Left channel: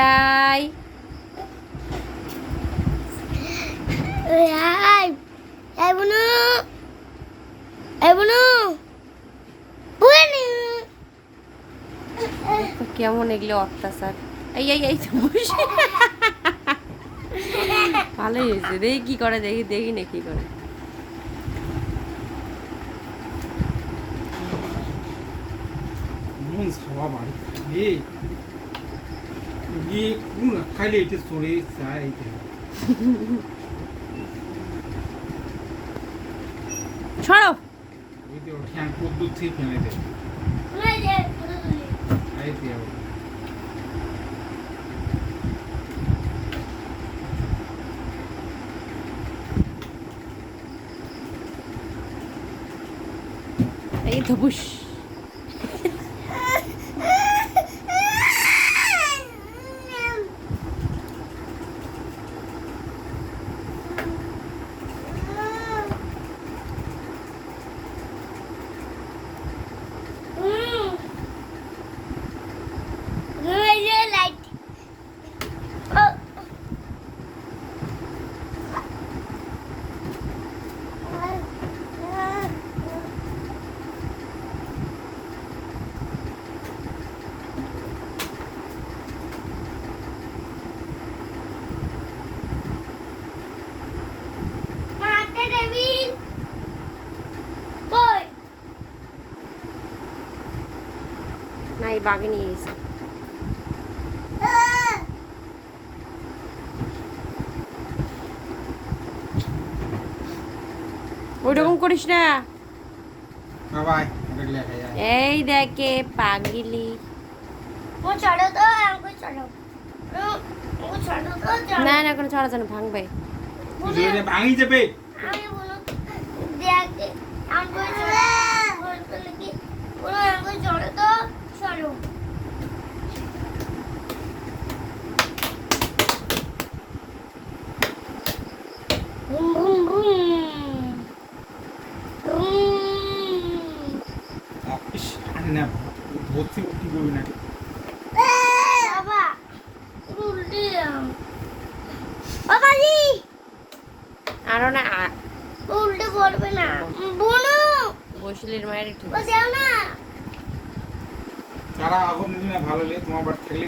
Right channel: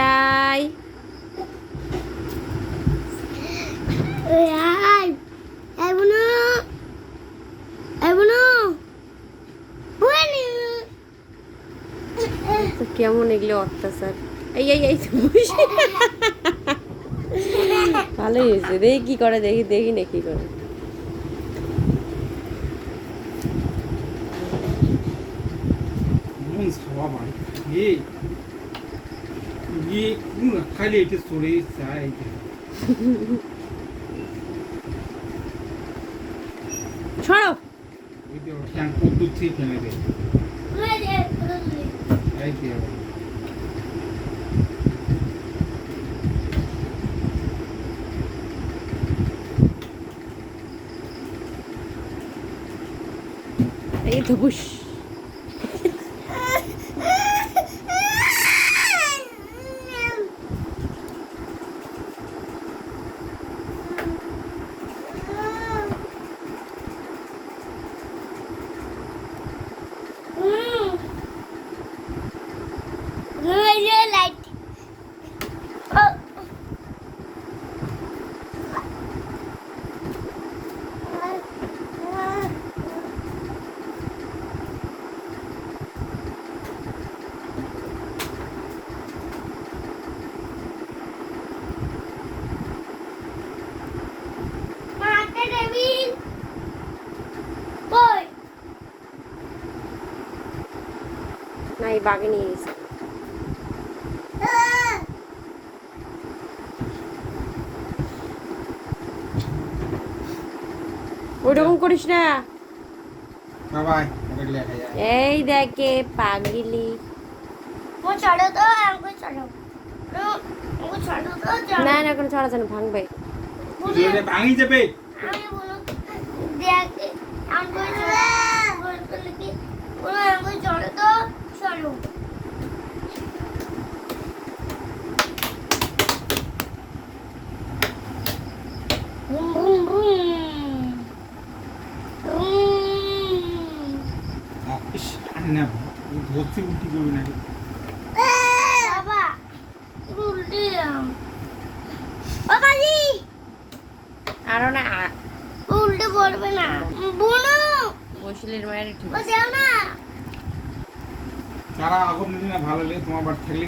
রাই? বুনি তো কেমন এগুলো অত্যাচার। এই এই এই ভালোই হয়েছে। দেখি কি করে দেখি দেখি না কি করে। ছাওয়া বাড়ি গিয়ে গিয়ে কোন খাইলে এটা সরে যায় ছড়ো এই যে ঠ্যাং কদ্দুর থেকে ফেলে দেয় এই যে এই তো না এই বাগে নিয়ে গেছে। ওরকম করিস না। যায় এই দেখে পাগলি। ও চলো তো আমাকে চলো না না কোনো ছড়া জানো ভাঙবে। ভাঙি যাবে আমি বলো দেখে আমাকে চলো বলতে লিখি বলো আমাকে চলো তো। না ভর্তি উল্টি করবি না উল্টে বাবা জি আরও না উল্টে পড়বে না। বুনু বসিলের মায়ের ঠিক আছে না। তারা আগুন দিলে ভালো লাগে তোমার বাড়ি খেলে